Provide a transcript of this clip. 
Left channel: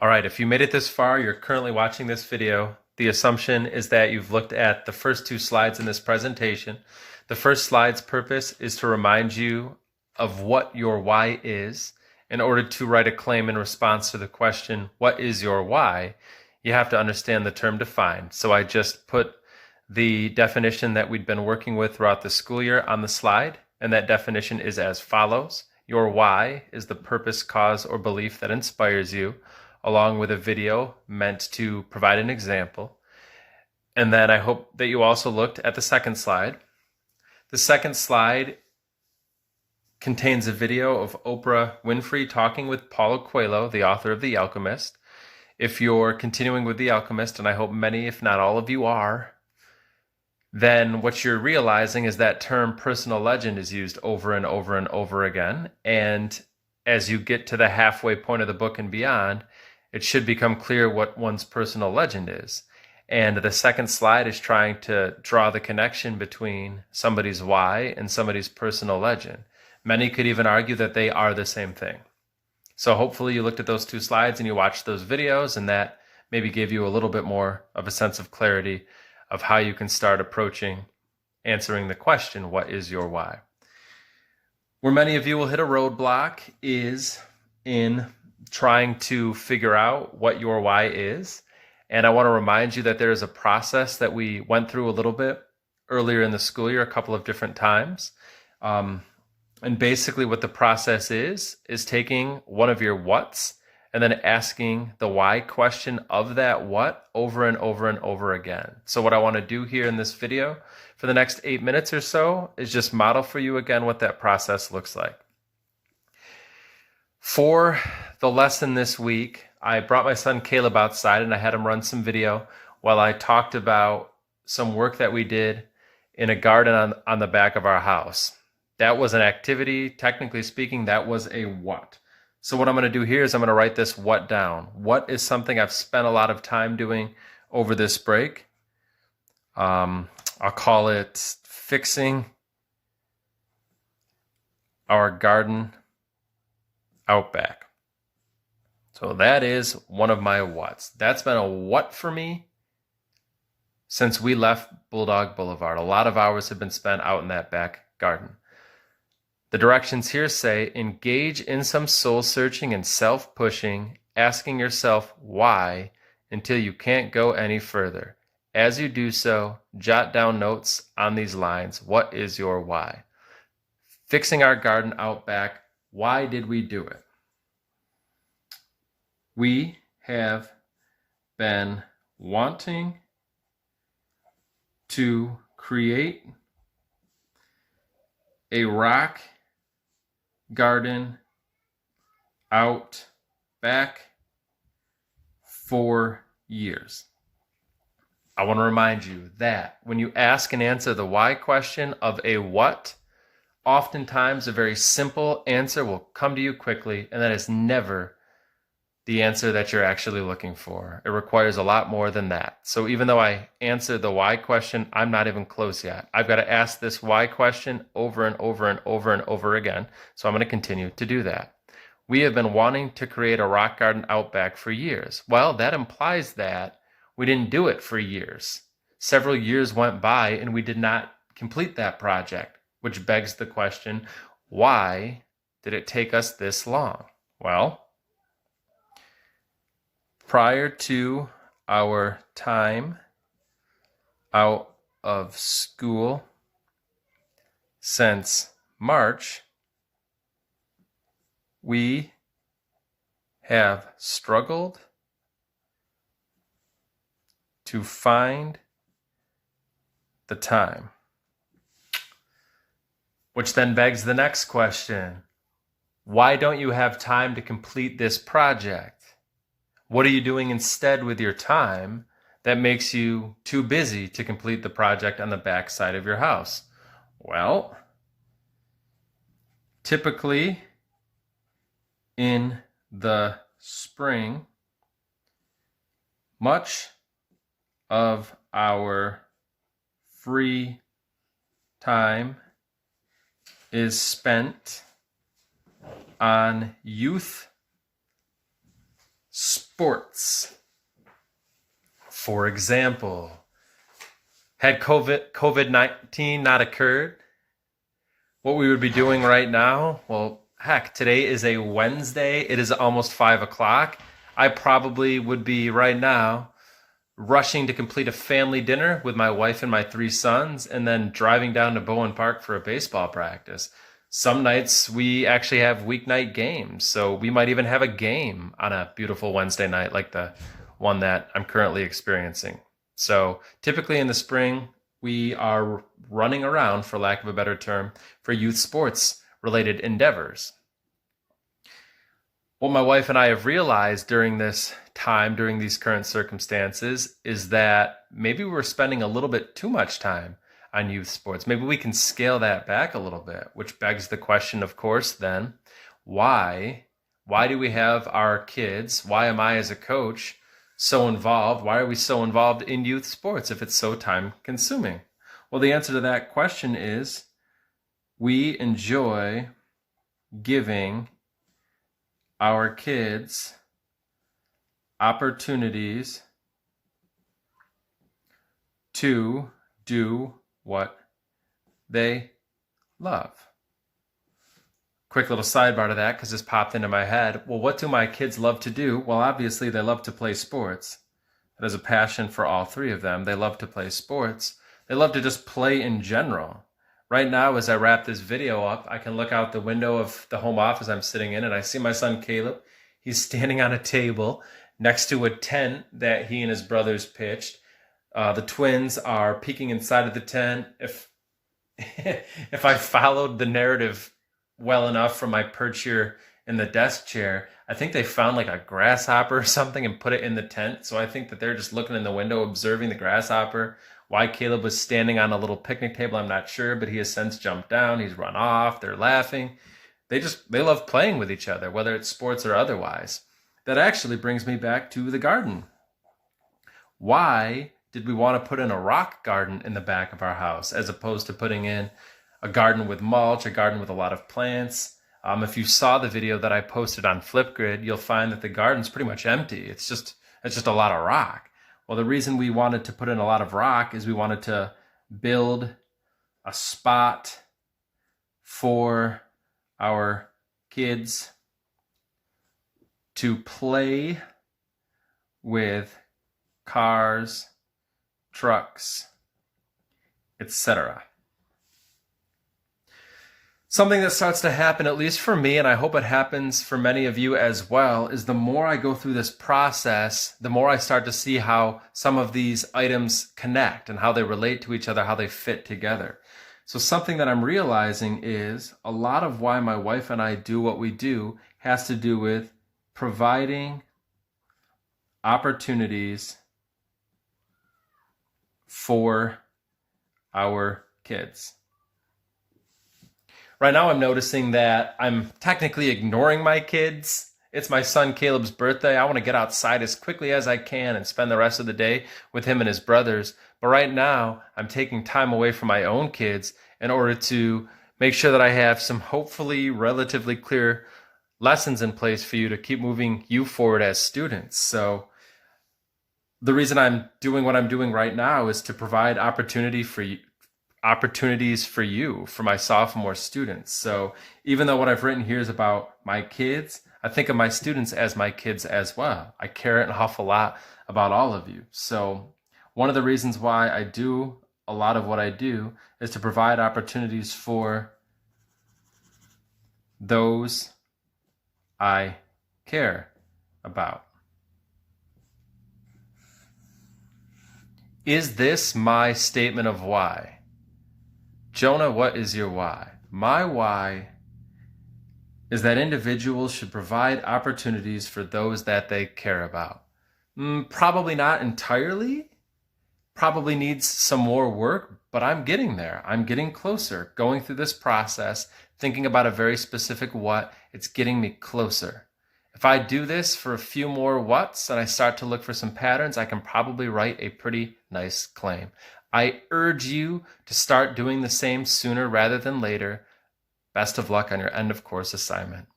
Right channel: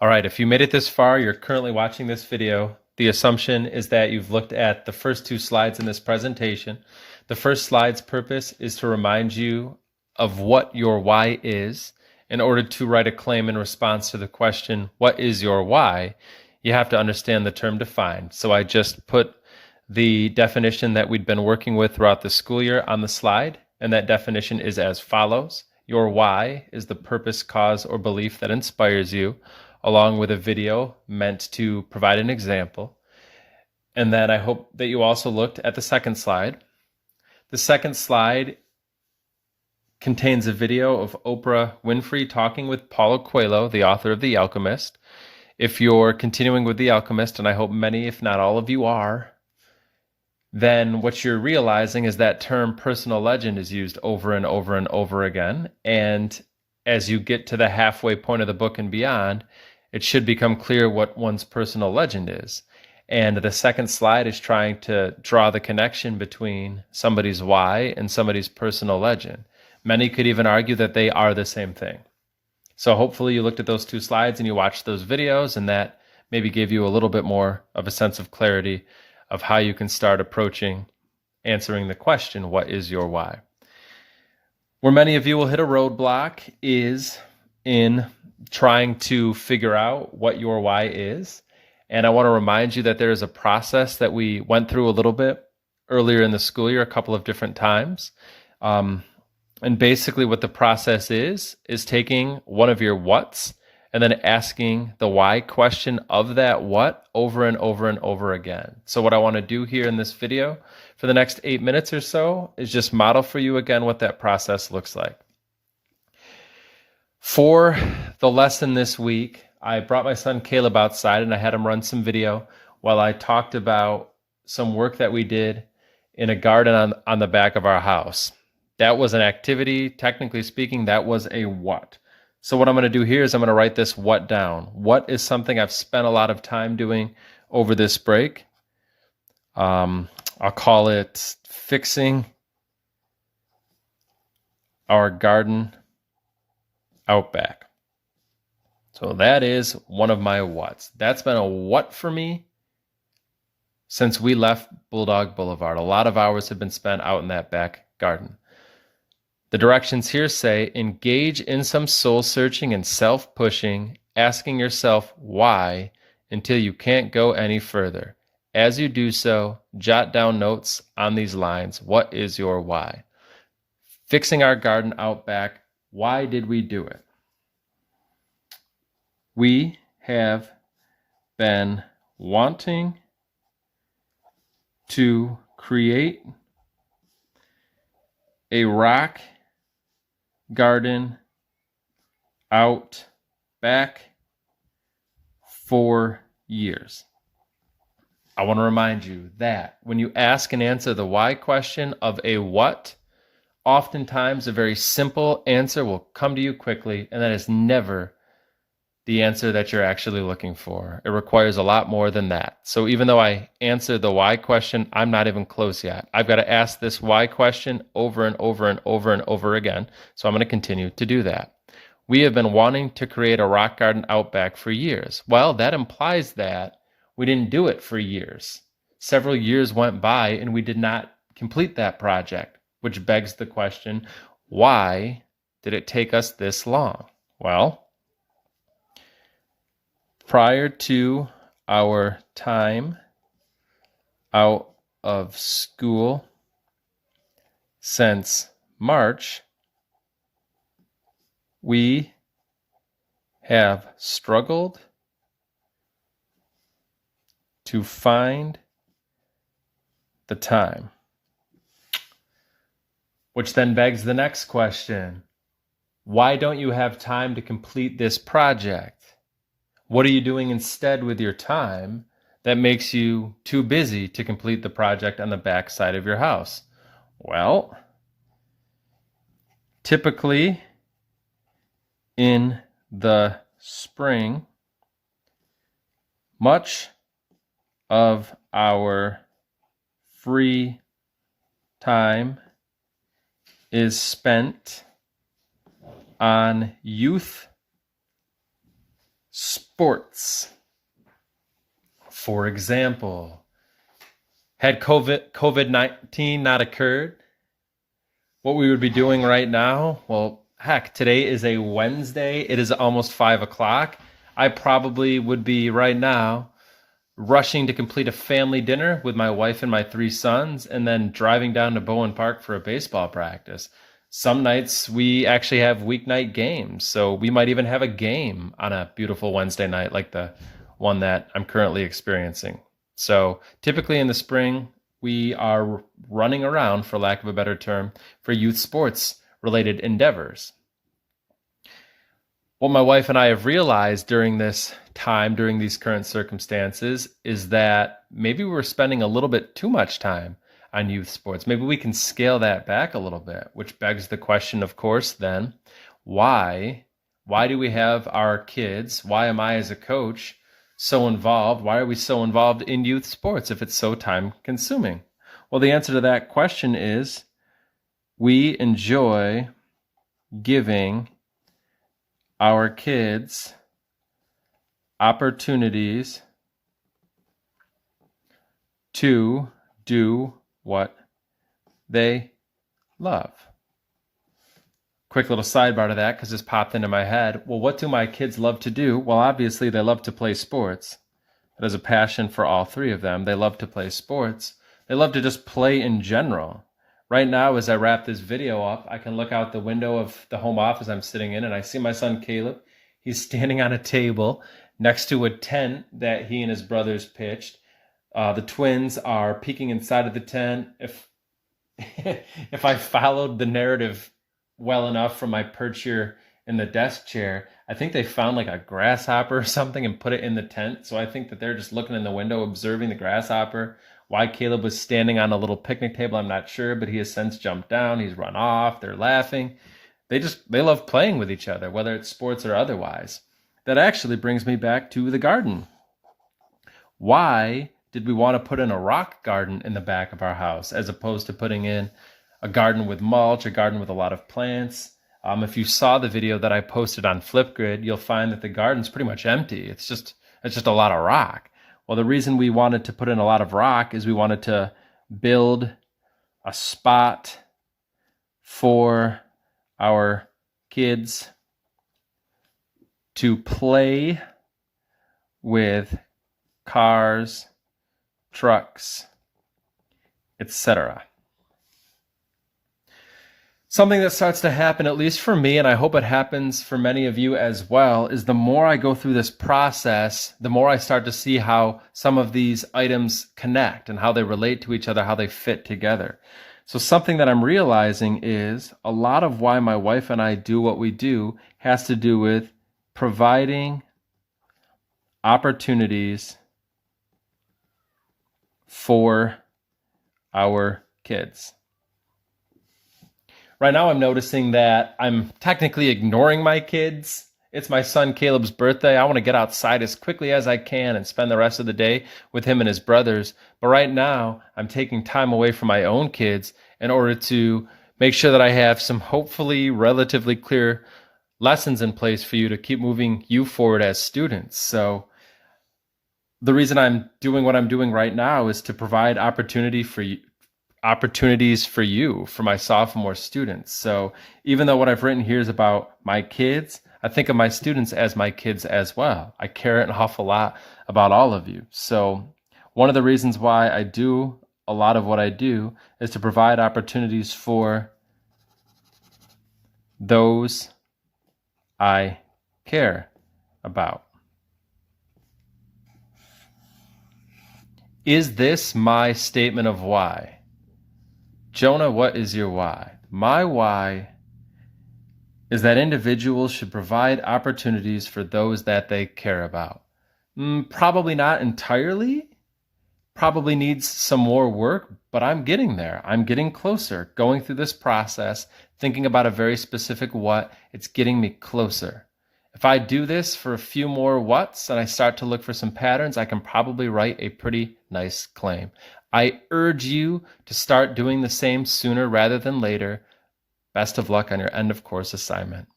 All right, if you made it this far, you're currently watching this video. The assumption is that you've looked at the first two slides in this presentation. The first slide's purpose is to remind you of what your why is. In order to write a claim in response to the question, what is your why? You have to understand the term defined. So I just put the definition that we'd been working with throughout the school year on the slide, and that definition is as follows. Your why is the purpose, cause, or belief that inspires you, along with a video meant to provide an example. And then I hope that you also looked at the second slide. The second slide contains a video of Oprah Winfrey talking with Paulo Coelho, the author of The Alchemist. If you're continuing with The Alchemist, and I hope many, if not all of you are, then what you're realizing is that term personal legend is used over and over and over again. And as you get to the halfway point of the book and beyond, it should become clear what one's personal legend is. And the second slide is trying to draw the connection between somebody's why and somebody's personal legend. Many could even argue that they are the same thing. So hopefully you looked at those two slides and you watched those videos, and that maybe gave you a little bit more of a sense of clarity of how you can start approaching answering the question, what is your why? Where many of you will hit a roadblock is in trying to figure out what your why is. And I want to remind you that there is a process that we went through a little bit earlier in the school year, a couple of different times. And basically what the process is taking one of your whats and then asking the why question of that what over and over and over again. So what I want to do here in this video for the next 8 minutes or so is just model for you again what that process looks like. For the lesson this week, I brought my son Caleb outside and I had him run some video while I talked about some work that we did in a garden on the back of our house. That was an activity, technically speaking, that was a what. So what I'm going to do here is I'm going to write this what down. What is something I've spent a lot of time doing over this break? I'll call it fixing our garden out back. So that is one of my whats. That's been a what for me since we left Bulldog Boulevard. A lot of hours have been spent out in that back garden. The directions here say, engage in some soul searching and self-pushing, asking yourself why until you can't go any further. As you do so, jot down notes on these lines. What is your why? Fixing our garden out back. Why did we do it? We have been wanting to create a rock garden out back for years. I want to remind you that when you ask and answer the why question of a what, oftentimes a very simple answer will come to you quickly, and that is never the answer that you're actually looking for. It requires a lot more than that. So even though I answered the why question, I'm not even close yet. I've got to ask this why question over and over and over and over again. So I'm going to continue to do that. We have been wanting to create a rock garden out back for years. Well, that implies that we didn't do it for years. Several years went by and we did not complete that project, which begs the question, why did it take us this long? Well, prior to our time out of school since March, we have struggled to find the time. Which then begs the next question. Why don't you have time to complete this project? What are you doing instead with your time that makes you too busy to complete the project on the back side of your house? Well, typically in the spring, much of our free time is spent on youth sports. For example, had COVID-19 not occurred, what we would be doing right now, well, heck, today is a Wednesday. It is almost 5 o'clock. I probably would be right now rushing to complete a family dinner with my wife and my 3 sons, and then driving down to Bowen Park for a baseball practice. Some nights we actually have weeknight games, so we might even have a game on a beautiful Wednesday night like the one that I'm currently experiencing. So typically in the spring, we are running around, for lack of a better term, for youth sports related endeavors. What my wife and I have realized during this time, during these current circumstances, is that maybe we're spending a little bit too much time on youth sports. Maybe we can scale that back a little bit, which begs the question, of course, then, why? Why do we have our kids? Why am I, as a coach, so involved? Why are we so involved in youth sports if it's so time consuming? Well, the answer to that question is we enjoy giving our kids opportunities to do what they love. Quick little sidebar to that, because this popped into my head. Well, what do my kids love to do? Well, obviously they love to play sports. That is a passion for all 3 of them. They love to play sports. They love to just play in general. Right now, as I wrap this video up, I can look out the window of the home office I'm sitting in, and I see my son Caleb. He's standing on a table next to a tent that he and his brothers pitched. The twins are peeking inside of the tent. If I followed the narrative well enough from my perch here in the desk chair, I think they found like a grasshopper or something and put it in the tent. So I think that they're just looking in the window, observing the grasshopper. Why Caleb was standing on a little picnic table, I'm not sure, but he has since jumped down. He's run off. They're laughing. They love playing with each other, whether it's sports or otherwise. That actually brings me back to the garden. Why did we want to put in a rock garden in the back of our house as opposed to putting in a garden with mulch, a garden with a lot of plants? If you saw the video that I posted on Flipgrid, you'll find that the garden's pretty much empty. It's just a lot of rock. Well, the reason we wanted to put in a lot of rock is we wanted to build a spot for our kids to play with cars, trucks, etc. Something that starts to happen, at least for me, and I hope it happens for many of you as well, is the more I go through this process, the more I start to see how some of these items connect and how they relate to each other, how they fit together. So something that I'm realizing is a lot of why my wife and I do what we do has to do with providing opportunities for our kids. Right now, I'm noticing that I'm technically ignoring my kids. It's my son Caleb's birthday. I want to get outside as quickly as I can and spend the rest of the day with him and his brothers. But right now, I'm taking time away from my own kids in order to make sure that I have some hopefully relatively clear lessons in place for you to keep moving you forward as students. So the reason I'm doing what I'm doing right now is to provide opportunities for you, for my sophomore students. So even though what I've written here is about my kids, I think of my students as my kids as well. I care an awful lot about all of you. So one of the reasons why I do a lot of what I do is to provide opportunities for those I care about. Is this my statement of why? Jonah, what is your why? My why is that individuals should provide opportunities for those that they care about. Probably not entirely. Probably needs some more work, but I'm getting there. I'm getting closer. Going through this process, thinking about a very specific what, it's getting me closer. If I do this for a few more whats and I start to look for some patterns, I can probably write a pretty nice claim. I urge you to start doing the same sooner rather than later. Best of luck on your end of course assignment.